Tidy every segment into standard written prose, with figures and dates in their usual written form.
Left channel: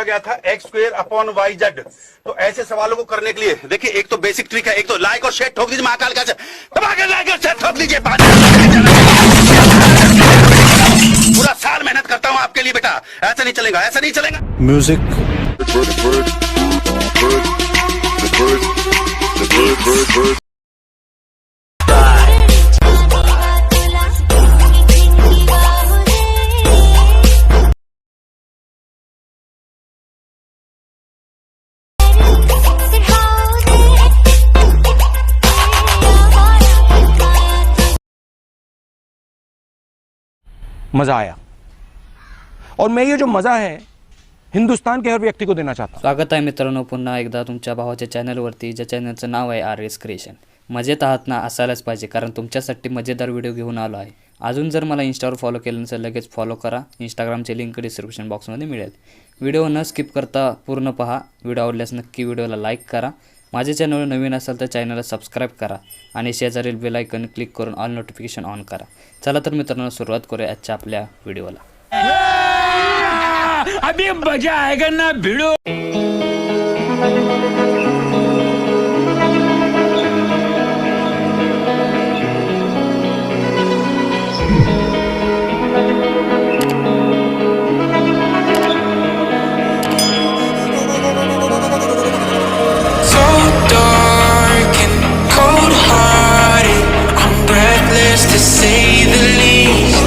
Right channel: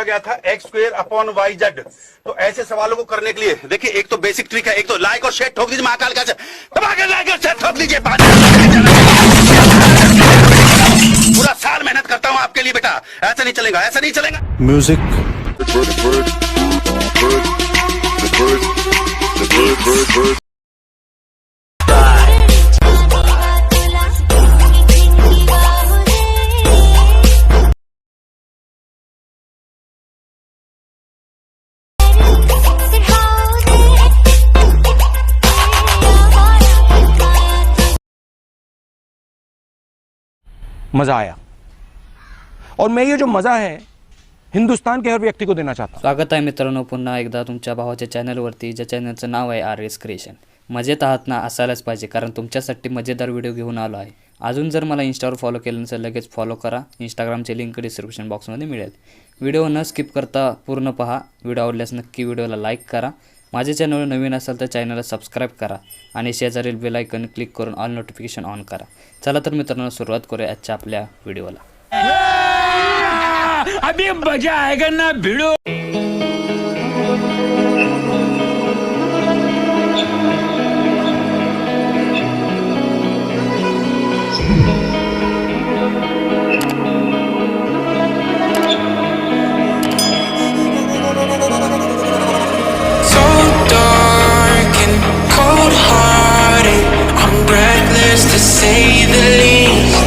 पूछा गया था x²/yz। तो ऐसे सवालों को करने के लिए देखिए, एक तो बेसिक ट्रिक है, एक तो लाइक और शेयर ठोक दीजिए, महाकाल का दबा के लाइक और शेयर ठोक दीजिए। पूरा साल मेहनत करता हूँ आपके लिए बेटा, ऐसा नहीं चलेगा, ऐसा नहीं चलेगा। म्यूजिक मजा आया, और मैं ये जो मजा है हिंदुस्तान के हर व्यक्ती को देना चाहता हूं। स्वागत आहे मित्रांनो पुन्हा एकदा तुमच्या भावाच्या चॅनलवरती, ज्या चॅनलचं नाव आहे RS क्रिएशन। मजेत आहात ना? असायलाच पाहिजे, कारण तुमच्यासाठी मजेदार व्हिडिओ घेऊन आलो आहे। अजून जर मला इंस्टावर फॉलो केलं नसेल लगेच फॉलो करा। इंस्टाग्रामची लिंक डिस्क्रिप्शन बॉक्समध्ये मिळेल। व्हिडिओ न स्किप करता पूर्ण पहा। व्हिडिओ आवडल्यास नक्की व्हिडिओला लाईक करा। माझ्या चॅनलवर नवीन असाल तर चॅनलला सबस्क्राईब करा आणि शेजारील बेल आयकॉन क्लिक करून ऑल नोटिफिकेशन ऑन करा। चला तर मित्रांनो सुरुवात करूया आजच्या आपल्या व्हिडिओला। अभी मजा आएगा ना भिड़ो। So dark and cold-hearted, I'm breathless to say the least.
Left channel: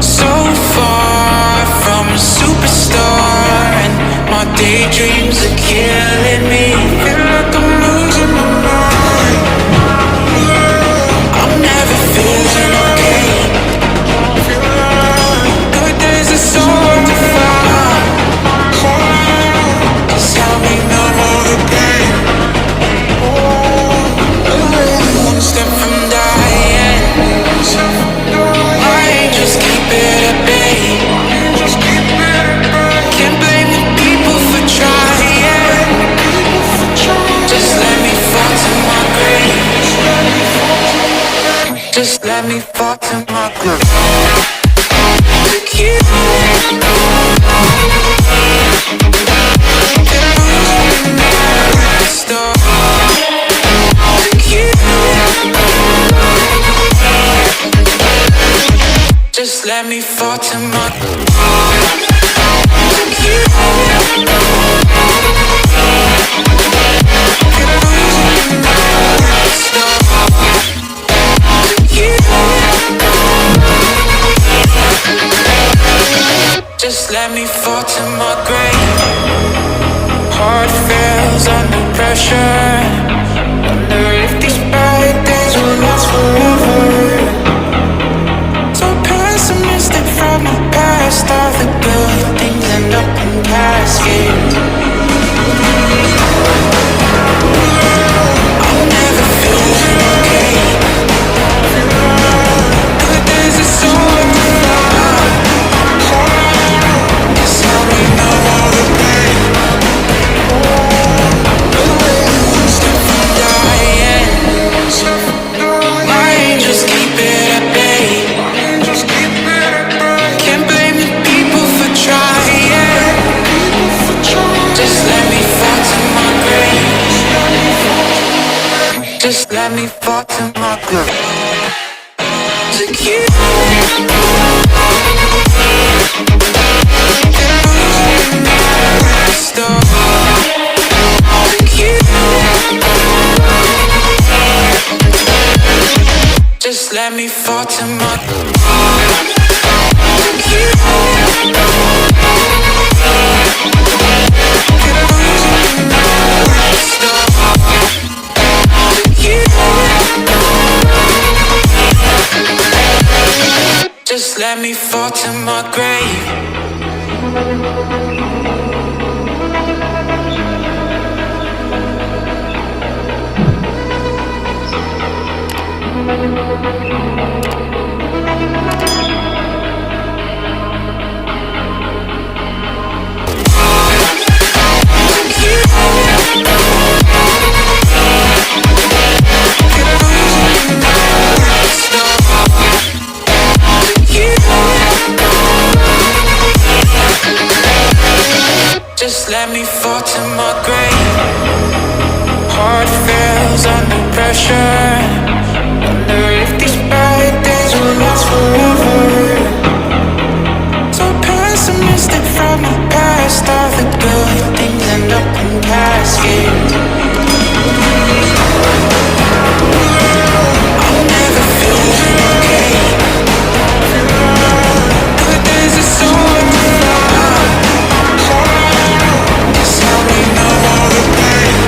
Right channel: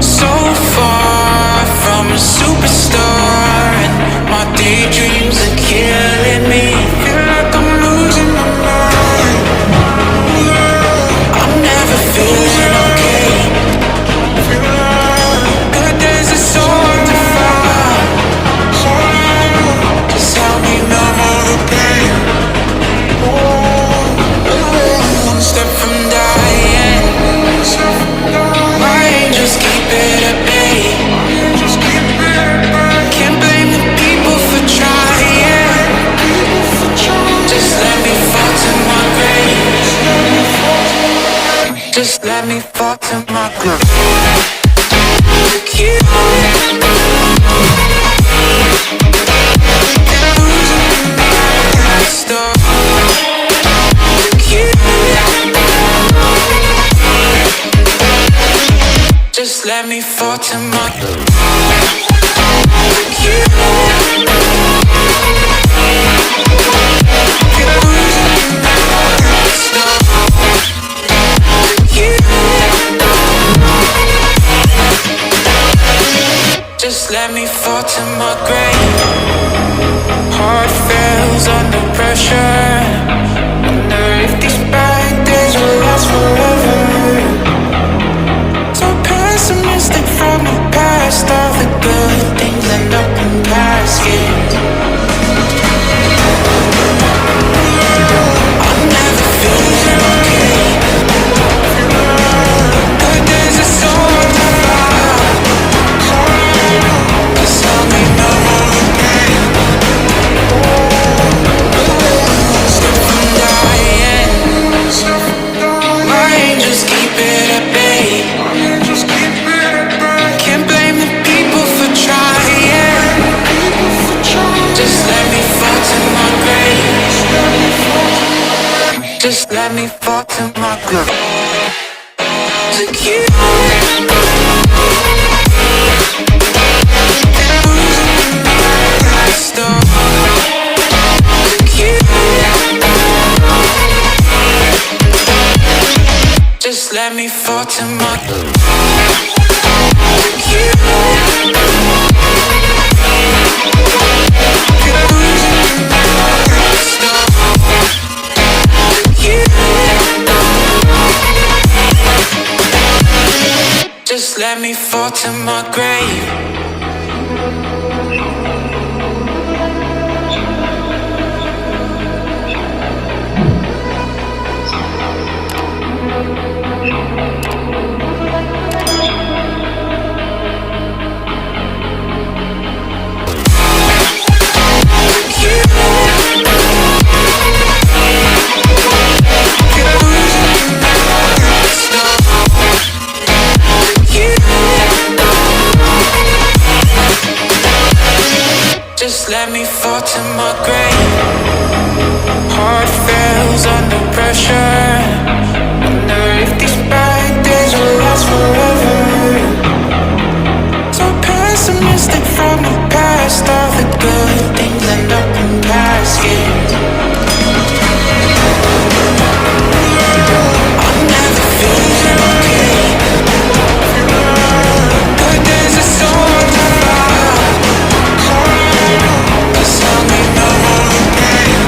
So far from a superstar, and my daydreams are killing me. Feel like I'm losing my mind. I'm never feeling okay. Good days are so hard to find. Just help me numb all the pain. I'm only one step from dying. My angels keep it at bay. Can't blame the people for trying. Just let me fall to my grave. Just let me fall to my grave. Look you. And I'm losing my mind at the start. Look you. Just let me fall to my grave. Just let me fall to my grave. Heart fails under pressure. Wonder if these bad days will last forever. So pessimistic from the past. All the good things end up in caskets. I'm never feeling okay. Good days are so hard to find. Just help me numb all the pain. Only one step from dying. My angels keep it at bay. Can't blame the people for trying. Just let me fall to my grave. Just let me fall to my grave. To kill it. And I'm losing my mind at the start. To kill it. Just let me fall to my grave. To kill it. And I'm losing my mind at the start. To kill it. Just let me fall to my grave. let me fall to my grave. Heart fails under pressure. Wonder if these bad days will last forever. So pessimistic from the past. All the good things end up in caskets. I'm never feeling okay. Good days are so hard to find. Just help me numb all the pain.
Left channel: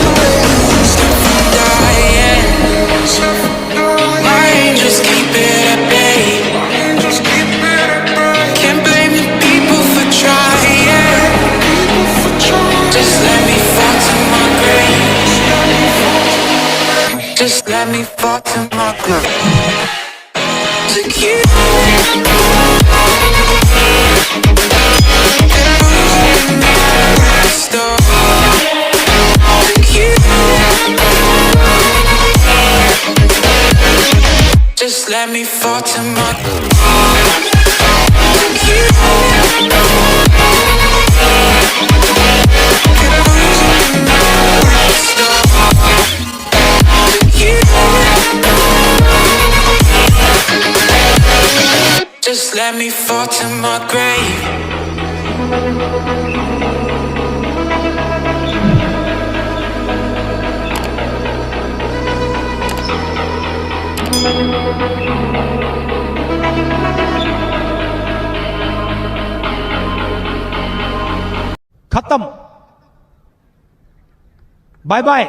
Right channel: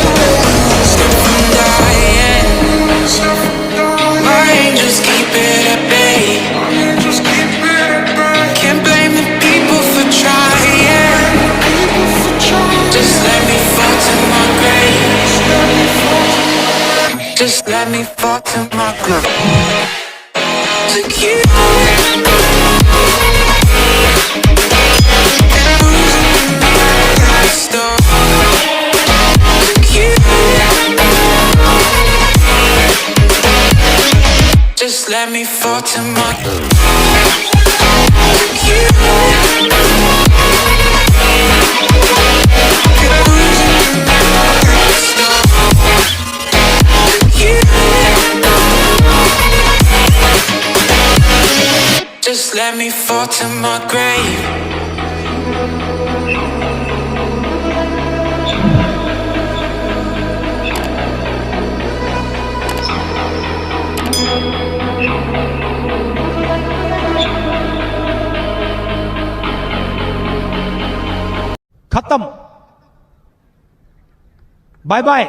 Away one step from dying. My angels keep it at bay. Can't blame the people for trying. Just let me fall to my grave. Just let me fall to my grave. To kill it. And I'm losing my stuff. To kill it. Just let me fall to my grave. To kill it. And I'm losing my stuff. To kill it. Just let me fall to my grave. खत्म, bye bye.